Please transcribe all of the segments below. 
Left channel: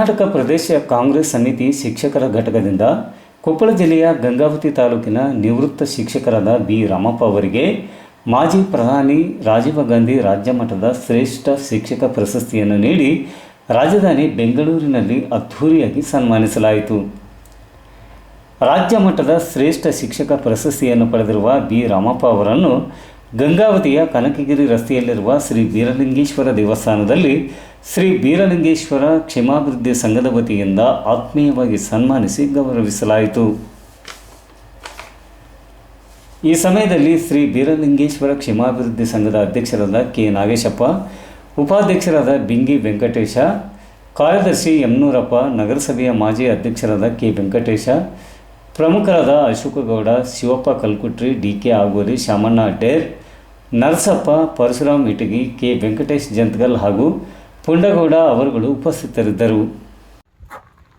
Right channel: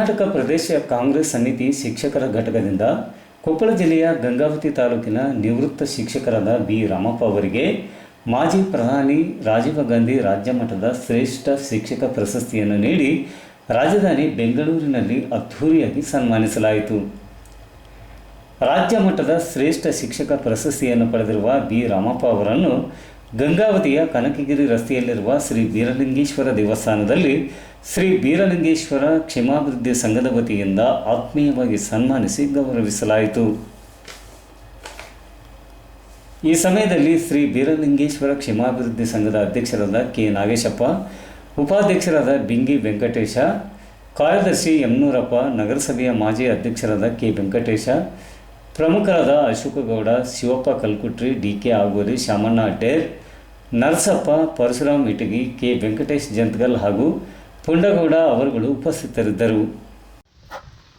ಕರ್ನಾಟಕ ಪ್ರದೇಶ ಕಾಂಗ್ರೆಸ್ ಸಮಿತಿ ಶಿಕ್ಷಕರ ಘಟಕದಿಂದ ಕೊಪ್ಪಳ ಜಿಲ್ಲೆಯ ಗಂಗಾವತಿ ತಾಲೂಕಿನ ನಿವೃತ್ತ ಶಿಕ್ಷಕರಾದ ಬಿ. ರಾಮಪ್ಪ ಅವರಿಗೆ ಮಾಜಿ ಪ್ರಧಾನಿ ರಾಜೀವ ಗಾಂಧಿ ರಾಜ್ಯ ಮಟ್ಟದ ಶ್ರೇಷ್ಠ ಶಿಕ್ಷಕ ಪ್ರಶಸ್ತಿಯನ್ನು ನೀಡಿ ರಾಜಧಾನಿ ಬೆಂಗಳೂರಿನಲ್ಲಿ ಅದ್ಧೂರಿಯಾಗಿ ಸನ್ಮಾನಿಸಲಾಯಿತು. ರಾಜ್ಯ ಮಟ್ಟದ ಶ್ರೇಷ್ಠ ಶಿಕ್ಷಕ ಪ್ರಶಸ್ತಿಯನ್ನು ಪಡೆದಿರುವ ಬಿ. ರಾಮಪ್ಪ ಅವರನ್ನು ಗಂಗಾವತಿಯ ಕನಕಗಿರಿ ರಸ್ತೆಯಲ್ಲಿರುವ ಶ್ರೀ ಬೀರಲಿಂಗೇಶ್ವರ ದೇವಸ್ಥಾನದಲ್ಲಿ ಶ್ರೀ ಬೀರಲಿಂಗೇಶ್ವರ ಕ್ಷೇಮಾಭಿವೃದ್ಧಿ ಸಂಘದ ವತಿಯಿಂದ ಆತ್ಮೀಯವಾಗಿ ಸನ್ಮಾನಿಸಿ ಗೌರವಿಸಲಾಯಿತು. ಈ ಸಮಯದಲ್ಲಿ ಶ್ರೀ ಬೀರಲಿಂಗೇಶ್ವರ ಕ್ಷೇಮಾಭಿವೃದ್ಧಿ ಸಂಘದ ಅಧ್ಯಕ್ಷರಾದ ಕೆ ನಾಗೇಶಪ್ಪ, ಉಪಾಧ್ಯಕ್ಷರಾದ ಬಿಂಗಿ ವೆಂಕಟೇಶ, ಕಾರ್ಯದರ್ಶಿ ಯಮನೂರಪ್ಪ ನಗರಸಭೆಯ ಮಾಜಿ ಅಧ್ಯಕ್ಷರಾದ ಕೆ ವೆಂಕಟೇಶ ಪ್ರಮುಖರಾದ Ashokgowda, Shivappa Kalkutri D K Agori Shamanna Adder Narasappa, Parashuram Itagi, K. Venkatesh Jantgal ಹಾಗೂ ಪುಂಡಗೌಡ ಅವರುಗಳು ಉಪಸ್ಥಿತರಿದ್ದರು.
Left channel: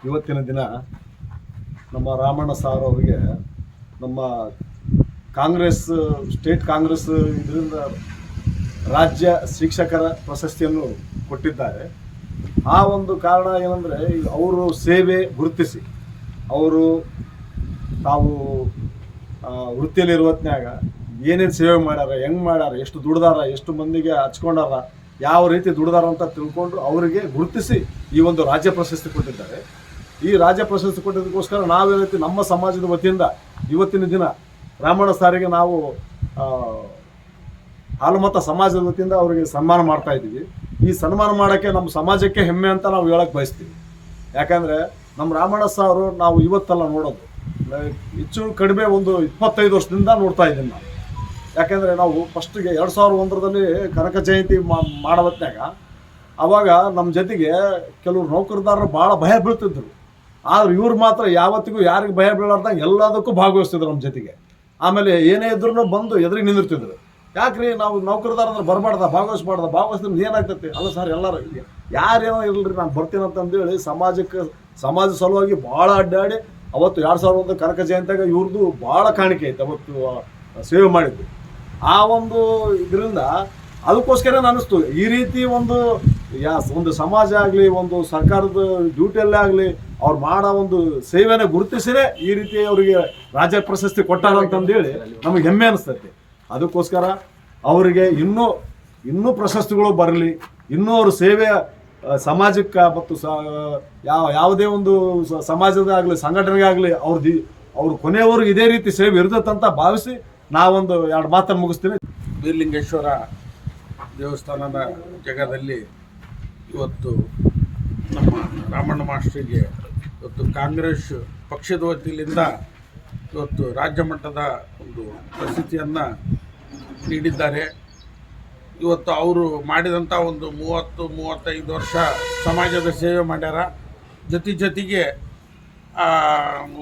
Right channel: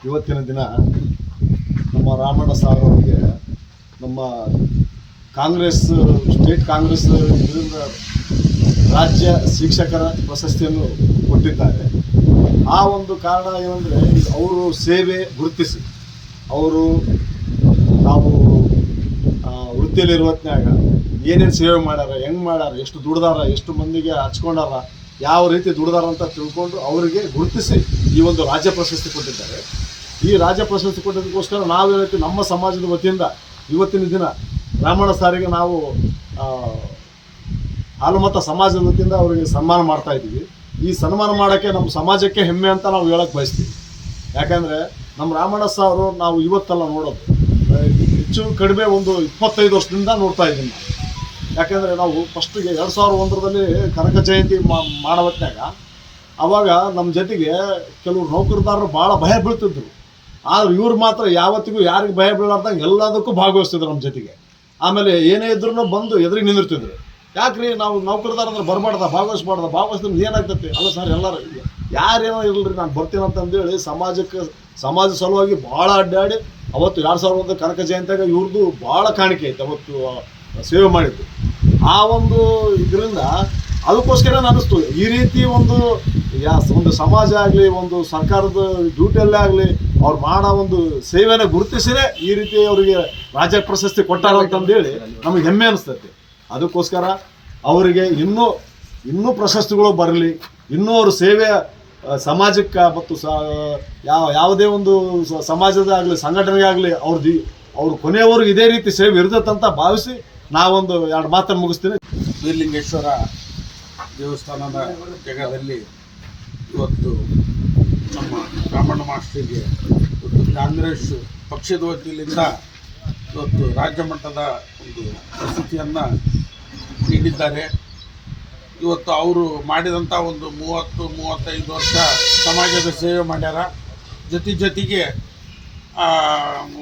ಇವತ್ತಿನ ದಿನ ನಮ್ಮ ರಾಮಣ್ಣ ಸಾರ್ ಅವರಿಗೆ ನಮ್ಮ ಕಾಂಗ್ರೆಸ್, ಸ್ಟೇಟ್ ಕಾಂಗ್ರೆಸ್ ಇದರಿಂದ ರಾಜ್ಯ ಶಿಕ್ಷಕರ ಪ್ರಶಸ್ತಿಯನ್ನು ಕೊಟ್ಟಿದ್ದಾರೆ. ಆ ಒಂದು ಕಾರಣ ಏನಂದರೆ ಅವರು ಸೇವೆ ಗುರುತಿಸಿ, ಅವರು ನಾವು ವೃತ್ತಿಯಲ್ಲಿ ಹೊತ್ನ್ಯಾಗ ಏನೇನು ಸೇವೆ ಮಾಡ್ಯಾರ, ಹೆಂಗೆ ಮಾಡ್ಯಾರ, ಎಷ್ಟು ದುಡ್ದಾರ, ಎಷ್ಟು ಮಂದಿಗೆ ಹಚ್ಕೊಂಡಾರ, ಯಾವ ರೀತಿ ದುಡ್ದಾರ ಅಂತ ತಿಳ್ಕೊಂಡು ಅವರಿಗೆ ಗುರುತಿಸಿ ಈ ಒಂದು ರಾಜ್ಯ ಪ್ರಶಸ್ತಿ ಕೊಟ್ಟಿದ್ದಾರೆ. ಈ ರಾಜ್ಯ ಪ್ರಶಸ್ತಿ ಕೊಟ್ಟಿದ್ದಕ್ಕೋಸ್ಕರ ನಾವು ರೀತಿ ನಮ್ಮ ಸಮಾಜದ ವತಿಯಿಂದ ಇವತ್ತಿನ ದಿನ ಬ್ರಾಹ್ಮಣ ಸಾರಿಗೆ ನಾವು ಹಾಲುಮತ ಸಮಾಜದ ವತಿಯಿಂದ ಅವರಿಗೆ ಸನ್ಮಾನ ಮಾಡ್ತಾ ಇದ್ದೀವಿ. ಈ ಸನ್ಮಾನ ಮಾಡೋಕ್ಕೆ ನಮ್ಮ ಸಮಾಜಕ್ಕೆ ಹೆಮ್ಮೆ ಅಂತ ನಾವು ಹೇಳಕ್ಕೆ ಬಯಸ್ತೀವಿ. ಯಾಕಂದರೆ ನಮ್ಮ ರಾಮಣ್ಣ ಸಾರು ನಾವು ಇವತ್ತಲ್ಲ ನೋಡೋದು. ಹೆಚ್ಚು ಕಡಿಮೆ ಒಂದು ಇಪ್ಪತ್ತೈದು ವರ್ಷದಿಂದ ನೋಡ್ತಾ ಇದ್ದೀನಿ ನಾನು. ಯಾಕೆಂದರೆ ನಾವು ಫಸ್ಟಿಗೆ ಎರಡು ಸಾವಿರದ ಒಂದರಲ್ಲಿ ಕನಕ ಜಯಂತಿ ಮಾಡೋ ಹೊತ್ನ್ಯಾಗ ಅವಾಗ ನಮ್ಮ ಜೊತೆಗೆ ಕೆಲವು ನೌಕರದಾರರು ಭಾಳ ಭಯ ಬೀಳ್ತಿದ್ರು. ಆದ್ರೆ ಇವ್ರು ಮಾತ್ರ ಯಾವತ್ತಿಗೂ ಯಾರಿಗೆ ಭಯ ಬೀಳಾರ್ದಂಗೆ ಎಲ್ಲದಕ್ಕೂ ಭಾಗವಹಿಸ್ತಿದ್ರು ನಮ್ಮ ಜೊತೆಗೆ. ಆಮೇಲೆ ಏನೇ ಇದ್ರೂ ಬಂದು ಎದುರಿಗೆ ನಿಂದಿರ್ತಿದ್ರು. ಯಾಕ್ರಿ ನಾವು ನೌಕರದಾರ ಅಂದ್ರೆ ಬರಬಾರ್ದ ಭಾಗವಹಿಸ್ಬಾರ್ದ ಭಾಗವಹಿಸಿದ್ರೆ ಏನಾಗ್ತೈತಿ? ಅಲ್ಲ ಸರ್, ಎಲ್ಲರೂ ಯಾರೇನೋ ಇರಲ್ರಿ ನಾನು ಬರ್ತೀನಿ ಅಂತಂದೇಳಿ ಸಮಾಜಕ್ಕೆ, ಸಮಾಜ ಸಲುವಾಗಿ ಭಾಳ ಅಡ್ಡಾಡಿ ಅವತ್ತು ಎರಡು ಸಾವಿರದ ಒಂದು ಕನಕ ಜಯಂತಿಯಾಗ ಇವ್ರದ್ದು ಭಾಳ ಕಾಣಿಕೆ ಐತೆ, ಅವತ್ತು ಸೇವೆ ಮಾಡಿದ್ದು. ಆ ಒಂದು ಇದರಿಂದ ಅದಕ್ಕೋಸ್ಕರ ಅನ್ನಿಸ್ತು ಈ ರೀತಿ ಒಂದು, ಯಾ, ಒಂದು ಸಮಾಜ ಆಗಲಿ, ಒಂದು ಸರ್ಕಾರದ ಡ್ಯೂಟಿಯಲ್ಲೇ ಆಗಲಿ, ಅವ್ರು ಮಾಡೋ ಒಂದು ಸೇವೆನ ಗುರುತಿಸಿನೇ ಈ ರೀತಿ ಅವರಿಗೆ ರಾಜ್ಯ ಪ್ರಶಸ್ತಿ ಕೊಟ್ಟಾರ ಅಂತಂದೇಳಿ ನಮಗೆ ಹೆಮ್ಮೆ ಅನಿಸ್ತೈತಿ. ಅದಕ್ಕೋಸ್ಕರ ಅವರಿಗೆ ಇನ್ನೂ ಇನ್ನೂ ಪ್ರಶಸ್ತಿಗಳು ಬರಲಿ, ಇನ್ನೂ ಅವ್ರ ಸೇವೆ ಸಮಾಜಕ್ಕೆ ಮತ್ತು ಸ, ಯಾವ, ಯಾವುದೇ ಒಂದು ಸಮಾಜದಾಗಲಿ ಸಂಘಟನೆಗೆ ಆಗಲಿ ಅವ್ರ ಕೊನೆಯವರೆಗೂ ಇದೇ ರೀತಿ ಸೇವೆ ಇರ್ತದಂತ ಭಾವಿಸಿ ನಾವೊಂದು ಎರಡು ಮಾತನ್ನು ಮುಗಿಸ್ತೀನಿ. ಬೀರ್ಲಿಂಗೇಶ್ವರ ದೇವಸ್ಥಾನದ ಜಾಗದಲ್ಲಿ ಇವತ್ತು ನಮ್ಮ ರಾಮಣ್ಣ ಮಾಸ್ಟ್ರಿಗೆ ಇವತ್ತು ಕಾಂಗ್ರೆಸ್ ಪಕ್ಷದ ವತಿಯಿಂದ ಇವತ್ತು ರಾಜ್ಯ ಮಟ್ಟದ ಒಂದು ಪ್ರಸ್ತುತಿಯನ್ನು ನೀಡಿದ್ದಾರೆ. ಇವತ್ತು ಅವರು ಮಾಡಿದಂಥ ಒಂದು ಮೂವತ್ತು ಮೂವತ್ತೈದು ವರ್ಷ ಸಮಾಜದ ಸೇವೆ ಮಾಡ್ಯಾರ. ಜೊತೆ ಜೊತೆಗೆ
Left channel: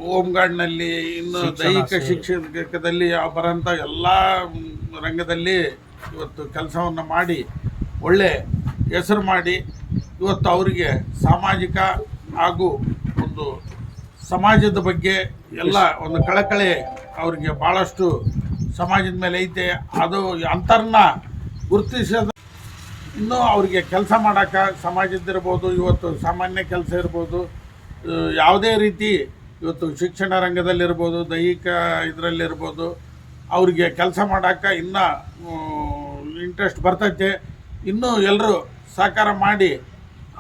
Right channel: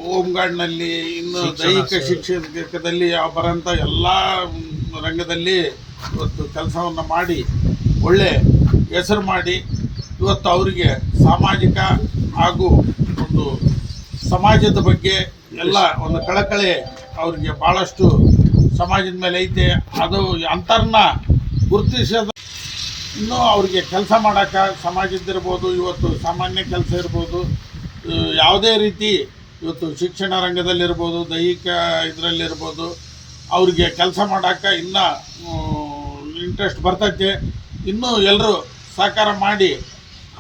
ಹೋಮ್ ಗಾರ್ಡ್ನಲ್ಲಿ ಇನ್ನು ದೈಹಿಕ ಶಿಕ್ಷಕದಲ್ಲಿ ಬರೋಂಥ ಎಲ್ಲ ರಂಗದಲ್ಲಿ ಇವತ್ತು ಕೆಲಸವನ್ನು ಮಾಡಿ ಒಳ್ಳೆ ಹೆಸರು ಮಾಡಿ ಇವತ್ತು ಅವರಿಗೆ ಸಾಮಾಜಿಕ ಹಾಗೂ ಒಂದು ಸಮಾಜದ ಬಗ್ಗೆ ಎಲ್ಲ ಒಂದು ಕಳಕಳೆ ಅವರಿಗೆ ಭಾಳಷ್ಟು ಸಮಾಜದ ಮೇಲೆ ಐತೆ. ಅದು ಅಂತರ್ನ ಗುರುತಿಸೋದು ಇನ್ನೂ ಅವರಿಗೆ ಕೆಲಸ ಮಾಡೋಕ್ಕೆ ಸಮಾಜದ್ದಿರ್ಬೋದು ಇವತ್ತು ಸಾಮಾನ್ಯ ಕೆಲಸ ಇರ್ಬೋದು ಯಾವುದೇ ರೀತಿ ಇವತ್ತು ಶಿಕ್ಷಣ ರಂಗದಲ್ಲಿರ್ಬೋದು, ದೈಹಿಕ ಇದರಲ್ಲಿರ್ಬೋದು, ಅವ್ರಿಗೆ ಕೆಲಸ ಮಾಡೋಕ್ಕೆ ಇನ್ನೂ ಇಂಟ್ರೆಸ್ಟ್ ಬರ್ತೈತೆ. ಇನ್ನೂ ಎಲ್ಲರೂ ಸಹಕಾರ ಮಾಡಿ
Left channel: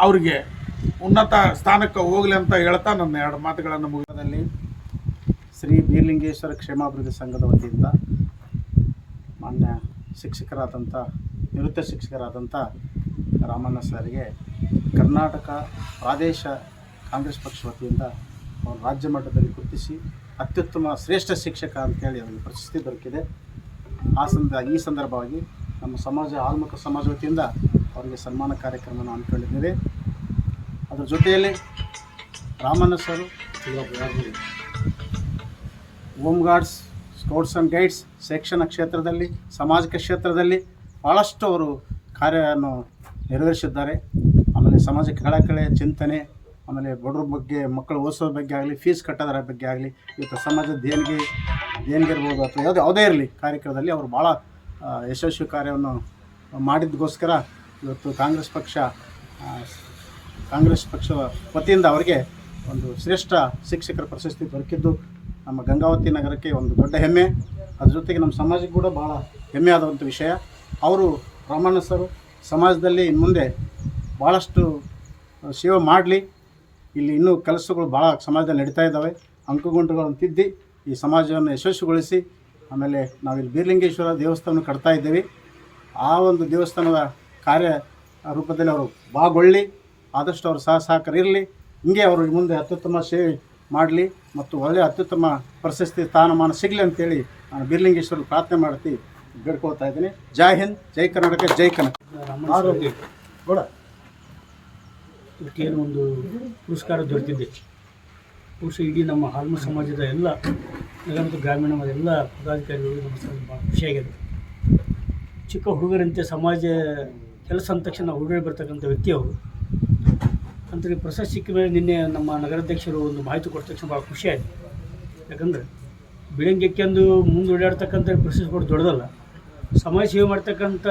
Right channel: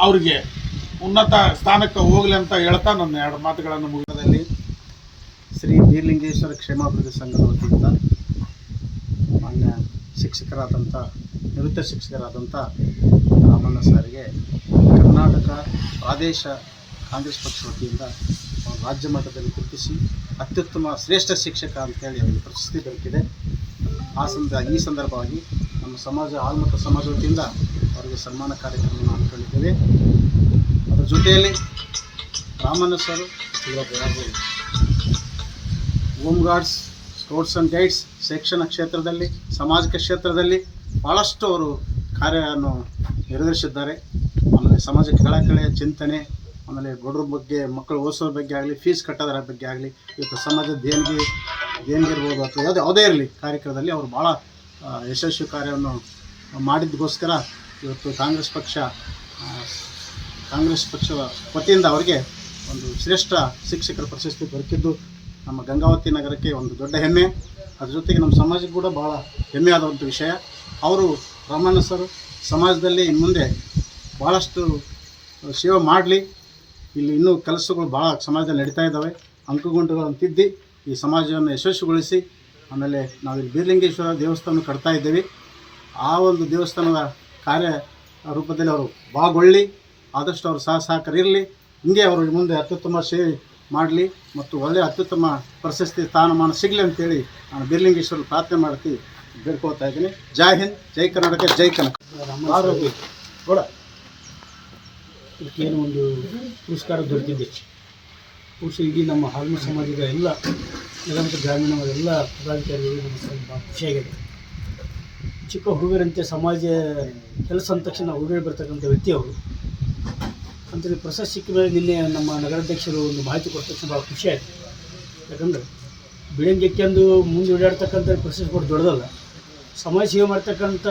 ಅವ್ರಿಗೆ ಉನ್ನತ ಸ್ಥಾನಕ್ಕೆ ಹೋಗಲಿ ಅಂತ ಹೇಳ್ತಾ ನನ್ನ ಎರಡು ಮಾತುಗಳನ್ನು ಮುಗಿದಲ್ಲಿ ಶ್ರೀ ಬೀರ್ಲಿಂಗೇಶ್ವರ ಕ್ಷೇಮಾಭಿವೃದ್ಧಿ ಸಂಘದ ವತಿಯಿಂದ ಮಾನ್ಯ ಶಿಕ್ಷಕರಾದಂಥ ನಿವೃತ್ತ ಶಿಕ್ಷಕರಾದಂಥ ರಾಮಣ್ಣ ಸಾರಿಗೆ ಕರ್ನಾಟಕ ಪ್ರಾದೇಶ ಕಾಂಗ್ರೆಸ್ ಪಕ್ಷ ವತಿಯಿಂದ ರಾಜ್ಯ ಮಟ್ಟದಲ್ಲಿ ಗುರುತಿಸಿ ಅತ್ಯುತ್ತಮ ಶ್ರೇಷ್ಠ ಶಿಕ್ಷಕ ಅಂತೇಳಿ ಅವರಿಗೆ ಪ್ರಶಸ್ತಿ ದೊರಕಿದೆ. ಆ ಸಂದ, ಈ ಸಂದರ್ಭವಾಗಿ ನಮ್ಮ ಸಮಾಜ ಆಲ್ಮಕ ಸಮಾಜ ವತಿಯಿಂದ ಅವರಿಗೆ ಸನ್ಮಾನ ಕಾರ್ಯಕ್ರಮವನ್ನು ಹಮ್ಮಿಕೊಂಡಿದ್ದೇವೆ ಅದರ ಜೊತೆಯಲ್ಲಿ Ramanna sir home guards scouts and guides ಶಿಕ್ಷಣ ಕ್ಷೇತ್ರದಲ್ಲಿ, ಸಾಮಾಜಿಕ ಕ್ಷೇತ್ರದಲ್ಲಿ ಭಾಳಷ್ಟು ಅವರು ಕಾರ್ಯವನ್ನು ನಿರ್ವಹಿಸಿದ್ದಾರೆ ಆಮೇಲೆ ಸಮಾಜಕ್ಕೆ ಕಳಕಳಿಯ ಚಿಂತನೆ, ಆಮೇಲೆ ಬಡವ್ರ ಬಗ್ಗೆ, ಮಕ್ಕಳು ಓದಿಸೋ ಬಗ್ಗೆ ಆಗಲಿ ಫೀಸ್ ಕಟ್ಟೋದ್ರ ಬಗ್ಗೆ ಆಗಲಿ, ಇವತ್ತು ಸಮಾಜದ ದೇಣಿಗೆ ದೇಣಿಗೆ ಇರ್ಬೋದು ಅಥವಾ ಯಾವುದೇ ಯಾವುದೇ ಇರಲಿ ಕಾರ್ಯಕ್ರಮದಲ್ಲಿ ಅವರು ಭಾಳ ಯಶಸ್ವಿ ಕಾರ್ಯವನ್ನು ಮಾಡಿದ್ದಕ್ಕೋಸ್ಕರ ಇವತ್ತು ಕಾಂಗ್ರೆಸ್ ಪಕ್ಷ ಕಾಂಗ್ರೆಸ್ ಪಕ್ಷದ ವತಿಯಿಂದ ಅವರಿಗೆ ಒಂದು ಶ್ರೇಷ್ಠ ಶಿಕ್ಷಕರ ಪ್ರಶಸ್ತಿ ದೊರಕಿದ್ದು ನಮ್ಮ ಗಂಗಾವತಿ ನಗರಕ್ಕೆ ಒಂದು ದೊಡ್ಡ ಹೆಮ್ಮೆ. ಅದ್ರ ಜೊತೆಗೆ ನಮ್ಮ ಸಮಾಜಕ್ಕೆ ಕೂಡ ಭಾಳ ಹೆಮ್ಮೆ ಆದಂಥ ವಿಷಯ. ಅವರು ರಾಮಣ್ಣ ಸರ್ ಸಮಾಜದಲ್ಲಿ ಇನ್ನು ಮುಂದೆ ಭಾಳಷ್ಟು ಸೇವೆ ಮಾಡಲಿ. ಇಲ್ಲಿ ಇನ್ನೂ ಕೆಲಸಗಳು ಭಾಳ ಸಮಾಜದಲ್ಲಿ ನಡೀತಾ ಇದ್ದಾವೆ. ಅಂಕುಗುಂಟುಗಳನ್ನು ತಿದ್ದಿ ಈ ಸಮಾಜವನ್ನು ಯಶಸ್ವಿಗೊಳಿಸಿ. ಆಮೇಲೆ ನಾವಿಲ್ಲಿ ಬೀರ್ಲಿಂಗೇಶ್ವರ ದೇವಸ್ಥಾನ ಕಟ್ತಾ ಇದ್ದೀವಿ. ಆ ಒಂದು ದೇವಸ್ಥಾನದ ಕಾರ್ಯ ರೂಪದಲ್ಲಿ ಅವರು ಭಾಗಗೊಳ್ಳಿ ಆದಷ್ಟು ಅವರು ಸಹ ಸಹಕಾರ ಇರಲಿ. ಹಿಂಗೆ ಅವರು ಮುಂದೆ ಅತ್ಯುತ್ತಮ ಸೇವೆ ಮಾಡಲಿ ಮತ್ತು ಒಳ್ಳೆಯ ಅತ್ಯುತ್ತಮ ಪ್ರಶಸ್ತಿ ಸ್ಥಾನಮಾನ ಸಿಗಲಿ ಅಂತೇಳಿ ನಾನು ಬಿರ್ಲಿಂಗೇಶ್ವರ ಪ್ರಾರ್ಥನೆ ಮಾಡ್ತಿ ಬೇಡ್ಕೋತಾ ಇದ್ದೀನಿ. ಜೈ ಹಿಂದ್, ಜೈ ಕರ್ನಾಟಕ, ಜೈ ಕನ್ನಡ ಕೂಡ ಇದಕ್ಕೇನು ಒಂದು ಪುರಸ್ಕಾರ ದೊರೆತಿದ್ದೆ ಬಹುಶಃ ಇಡೀ ನಮ್ಮ ಹಾಲ್ಮ ಸಮಾಜದ ಎಲ್ಲ ನಗರ ಗ್ರಾಮೀಣ ಎಲ್ಲ ಪದಾಧಿಕಾರಿಗಳು ನಮ್ಮ ಭಾಳ ಖುಷಿಯಾಗಿದೆ ಚಿಕ್ಕ ಹುಡುಗರಂತೆ ಸಮಾಜ, ಕೆಲಸ ಅಂದ ತಕ್ಷಣ ಹುಡುಗರು ಬರ್ತಕ್ಕಂಥ ವ್ಯಕ್ತಿ ಅವರು. ಅಂತ ಪ್ರಶಸ್ತಿ ಸಿಕ್ಕ ಮೇಲೆ ನಿನ್ನೆ ನಮ್ಮ ನಗರಾಧ್ಯಕ್ಷರು ಒಂದು ಮಾಹಿತಿ ಕೊಟ್ಟ ತಕ್ಷಣ ಭಾಳ ಆಯಿತು ಯಾಕಂದರೆ ಬಿಳಂಗೆಕ್ಕೆಂದು ಮುಂದೆ ಓಡಾಡ್ತಕ್ಕಂಥ ಪ್ರಶಸ್ತಿ ಕೊಟ್ಟು ದೊಡ್ಡದಲ್ಲ. ಸಮಾಜ ಸೇವೆ ಮಾಡ್ತಕ್ಕಂಥ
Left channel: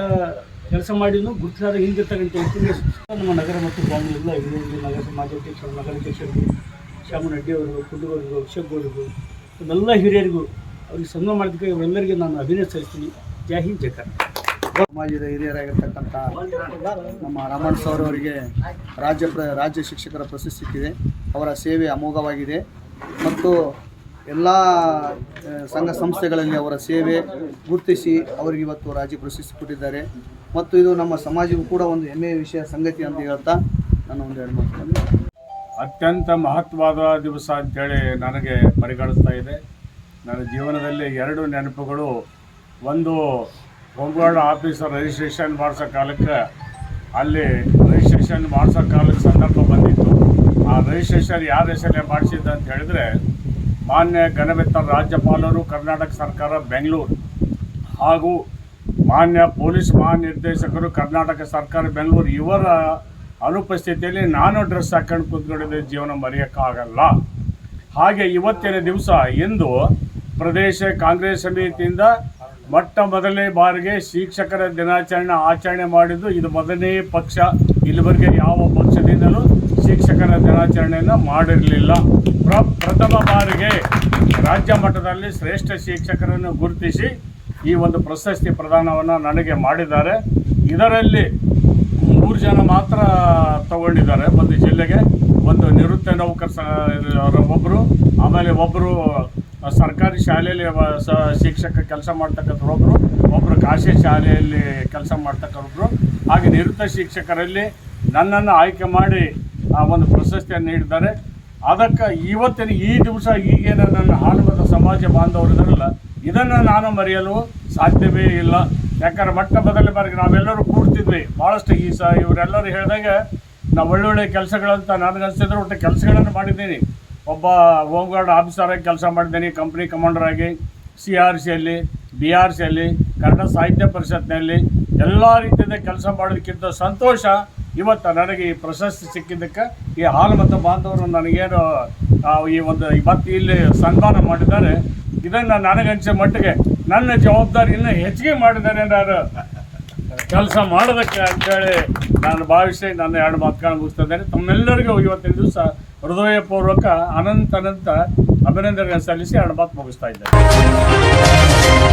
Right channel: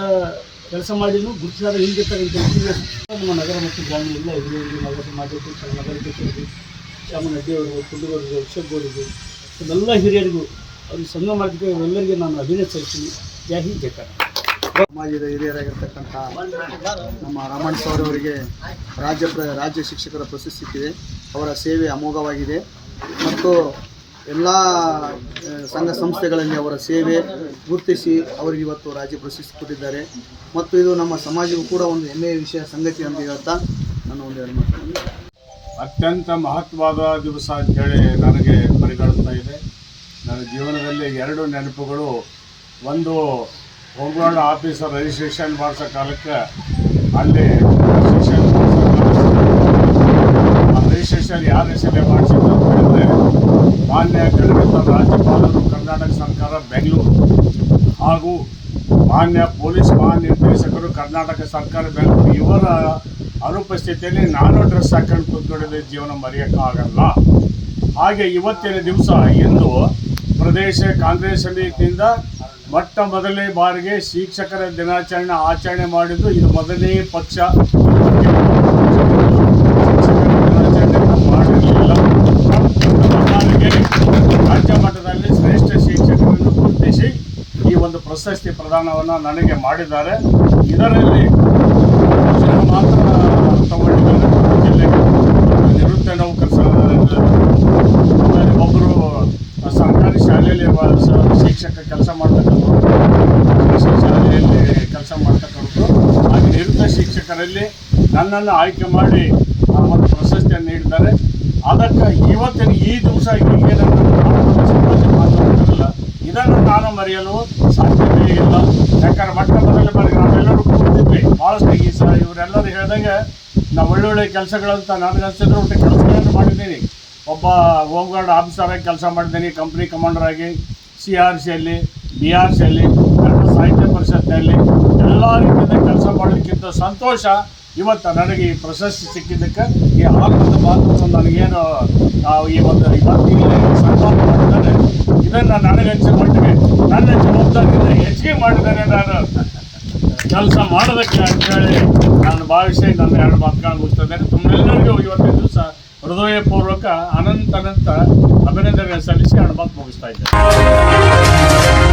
ಕೆಲಸ ಮಾಡಿನೂ ಗುರುತಿಸಾದ ಹಿಂದಿರ್ತಕ್ಕಂಥ ನಮ್ಮ ನಗರ ಮತ್ತು ಗ್ರಾಮೀಣ ಹಿರಿಯರಿಗೆ ನಗರ ಸಮಾಜಾಧ್ಯಕ್ಷರು ನಗರಾಧ್ಯಕ್ಷರಿಗೆ ಶ್ಯಾಮನಡ್ಡಿ ಅವರು ಅಭಿಷೇಕ್ ಶೆಬ್ಬೌಡರು ಎಲ್ಲ ಹಿರಿಯರಿಗೂ ಅವ್ರಿಗೆ ಸನ್ಮಾನ ಮಾಡೋದಕ್ಕೆ ಅವರೆಲ್ಲರಿಗೆ ನಾನು ಅಭಿನಯ ಸಲ್ಲಿಸ್ತೀನಿ ಜೈ ಹಿಂದ್ ಸಮಾಜದ ಹಿರಿಯರಾಗಿರ್ತಕ್ಕಂಥ ನಮ್ಮ ರಮಣ್ ಸರ್ ಅವರಿಗೆ ರಾಜ್ಯ ರಾಜ್ಯ ಶಿಕ್ಷಕರ ಪ್ರಶಸ್ತಿ ಇದೆ ಅವರ ಸೇವೆ ಅಮೋಘವಾಗಿದೆ. ಮತ್ತು ಎಲ್ಲ ಸಂಘ ಸಂಸ್ಥೆಗಳಲ್ಲಿ ಅವರ ಸೇವೆ ಗುರುತಿಸಿ ಅವರಿಗೆ ಇವತ್ತು ರಾಜ್ಯ ಪ್ರಶಸ್ತಿ ಕೊಟ್ಟಿದ್ದಾರೆ. ಮತ್ತು ಇದು ನಮ್ಮ ಸಮಾಜಕ್ಕೂ ಕೂಡ ಒಂದು ಹೆಮ್ಮೆಯ ವಿಷಯ, ಸಂಗತಿ ಅಂತ ಹೇಳ್ತಾ ನನ್ನ ಒಂದು ಎರಡು ಮಾತು ಅತ್ಯಂತ ಮಹತ್ವದ ದಿವಸ ಅಂತೇಳಿ ನನಗೆ ಪರಿಗಣಿಸ್ತಾ ಇದೆ. ನನ್ನ ಜೀವನದಲ್ಲಿ ಎರಡು ನೆನಪುಗಳು, ಒಂದು ಹೋಮ್ಗಾರ್ಡ್ ಆಫೀಸರ್ ರಿಜಿಸ್ಟ್ರೇಷನ್ ಮಾಡ್ಸೋ ಕಾಲಕ್ಕೆ ಅಲ್ಲಿ ರಿಜಿಸ್ಟ್ರೇಷನ್ ಮಾಡ್ಸೋ ಕಾಲಕ್ಕೆ ಆ ರಿಜಿಸ್ಟ್ರೇಷನ್ ಯಾರ ಹೆಸರೇ ಮಾಡಿಸಿದ್ದ ಅಂತ ಹೇಳಿದ್ರೆ, ಮಾನ್ಯ ಗಣಮಿತ್ರ ರಾಜ್ಯಪಾಲರು, ಕರ್ನಾಟಕ ಸರ್ಕಾರ, ಬೆಂಗಳೂರು ಹಾಗೂ ಮಾನ್ಯ ಪೊಲೀಸ್ ಮಹಾನಿರ್ದೇಶಕರು, ಕರ್ನಾಟಕ ಸರ್ಕಾರ, ಬೆಂಗಳೂರು ಇವರ ಅನುಪಸ್ಥಿತಿಯಲ್ಲಿ ನಾನು ಡ್ರೆಸ್ ಹಾಕೊಂಡು ಕೂತ್ಕೊಂಡಿದ್ದೆ. ಜೀವನ ಮರೆಯೋಕ್ಕಾಗಲ್ಲ ಹಾಗೆ ಇವತ್ತಿನ ದಿವಸ ಇಂದು ಪ್ರದೇಶ ಕಾಂಗ್ರೆಸ್ ಸಮಿತಿಯಿಂದ ಮೊಟ್ಟ ಮೊದಲನೇ ಬಾರಿಗೆ ಶಿಕ್ಷಕರ ದಿನಾಚರಣೆ ಆಚರಣೆ ಮಾಡಿದ್ದು ಇದು ಮೊದಲನೇ ಪಕ್ಷ. ಇಲ್ಲಿವರೆಗೆ ಯಾವ ಪಕ್ಷದಿಂದಲೂ ಶಿಕ್ಷಕರ ದಿನಾಚರಣೆಯನ್ನು ಮಾಡಿರಲಿಲ್ಲ. ಪ್ರ- ಪ್ರಥಮ ಬಾರಿಗೆ ರಾಜ್ಯ ಮಟ್ಟದಲ್ಲಿ ಶ್ರೇಷ್ಠ ಶಿಕ್ಷಕರನ್ನು ಗುರುತಿಸಿ ಈ ಒಂದು ಪ್ರಶಸ್ತಿ ಪ್ರದಾನವನ್ನು ನನಗೆ ಮಾಡಿದ್ದಾರೆ. ಇದರಲ್ಲಿ ಮೂರು ಜನ ಮಾತ್ರ ತಗೊಂಡಿದ್ದಾರೆ. ಒಂದು ಜಿಲ್ಲೆಗೆ ಒಂದು ನಿವೃತ್ತ ನೌಕರ ಒಬ್ಬರು ಆಮೇಲೆ ಒಬ್ಬರು ಸರ್ಕಾರಿ ಶಾಲೆಯಲ್ಲಿ ಶಿಕ್ಷಕ ಕೆಲಸ ಮಾಡ್ತಕ್ಕಂಥವ್ರು, ಖಾಸಗಿ ಶಾಲೆಯಲ್ಲಿ ಕೆಲಸ ಮಾಡ್ತಕ್ಕಂಥವ್ರು, ಹಾಗೆ ನಿವೃತ್ತ ಶಿಕ್ಷಕರಲ್ಲಿ ನನ್ನನ್ನು ಆಯ್ಕೆ ಮಾಡಿ ಆ ಒಂದು ಪ್ರಶಸ್ತಿಯನ್ನು ನೀಡಿದ್ದಾರೆ. ಅದಕ್ಕೆ ಇವತ್ತಿನ ಈ ದಿವಸ ಈಗೇನು ನನ್ನ ಹಾಡುವಂಥ ಸಮಾಜ ಬಾಂಧವರಲ್ಲ ಇದನ್ನು ನಾನು ಮರೆಯಲು ಸಾಧ್ಯವೇ ಇಲ್ಲ. ಯಾಕಂದ್ರೆ ಮೊಟ್ಟ ಮೊದಲ ಬಾರಿ ನಾವೆಲ್ಲರೂ ಕೂಡ್ತಿದ್ವಿ. ಭಾಳಷ್ಟು ಈ ಸ ಇವರೆಲ್ಲರೂ ಹೇಳಿದಂಗೆ, ನಾವು ಒಳ್ಳೊಳ್ಳೆ ಕೆಲಸಗಳಂತ ನನಗನ್ಸಿದ್ರೆ ಒಟ್ಟು ಕೆಲಸಗಳನ್ನು ಮಾಡಿದ್ದೀನಿ. ಒಬ್ಬ ಹೋಮ್ ಗಾರ್ಡ್ ಆಫೀಸರಾಗಿ ಕೆಲಸ ಮಾಡಿದ್ದೀನಿ ಕಂಪ್ನಿ ಕಮಾಂಡರ್ ಆಗಿ, ಸಿ ಆರ್ ಸಿಯಲ್ಲಿ ಬಿ ಆರ್ ಸಿಯಲ್ಲಿ ಕನ್ನಡ ಸಾಹಿತ್ಯ ಪರಿಷತ್ನಲ್ಲಿ, ಎಲ್ಲ ರೀತಿಯಿಂದ ಕೆಲಸ ಮಾಡೋದಕ್ಕಿಂತ ಸಂತೋಷ ಇವತ್ತು ನನಗೆ ಈ ಪ್ರಶಸ್ತಿ ಸಿಕ್ಕಿದ್ದಕ್ಕೆ, ಈ ಹಾಲು ಮತ್ತು ಬಾಂಧವರು ನನಗೇನು ಈ ಒಂದು ಇವತ್ತು ಇಲ್ಲಿ ಸನ್ಮಾನ ಮಾಡಿದ್ದಾರೆ, ಇದನ್ನು ನನಗನ್ಸೋ ಮಟ್ಟಿಗೆ ನನ್ನ ಜವಾಬ್ದಾರಿಯನ್ನು ಹೆಚ್ಚಿಗೆ ಮಾಡಿದ್ದಾರೆ ನಾನು. ಕೆಲಸ ಮಾಡೋದಕ್ಕೆ ಅಂತೇಳಿ ನಾನು ಭಾವಿಸಿ ನನ್ನ ಎರಡು ಮಾತುಗಳನ್ನು ಮುಗಿಸ್ತಿದ್ದೇನೆ ತಮ್ಮೆಲ್ಲರಿಗೂ ಇವತ್ತಿನ ದಿವಸ ಹೃದಯಪೂರ್ವಕ ಅನಂತ ಅನಂತ ಅಭಿನಂದನೆ ಸಲ್ಲಿಸಿ ಅನುಮತಿ ಮುಗಿಸ್ತಾ ಇದ್ದಾರೆ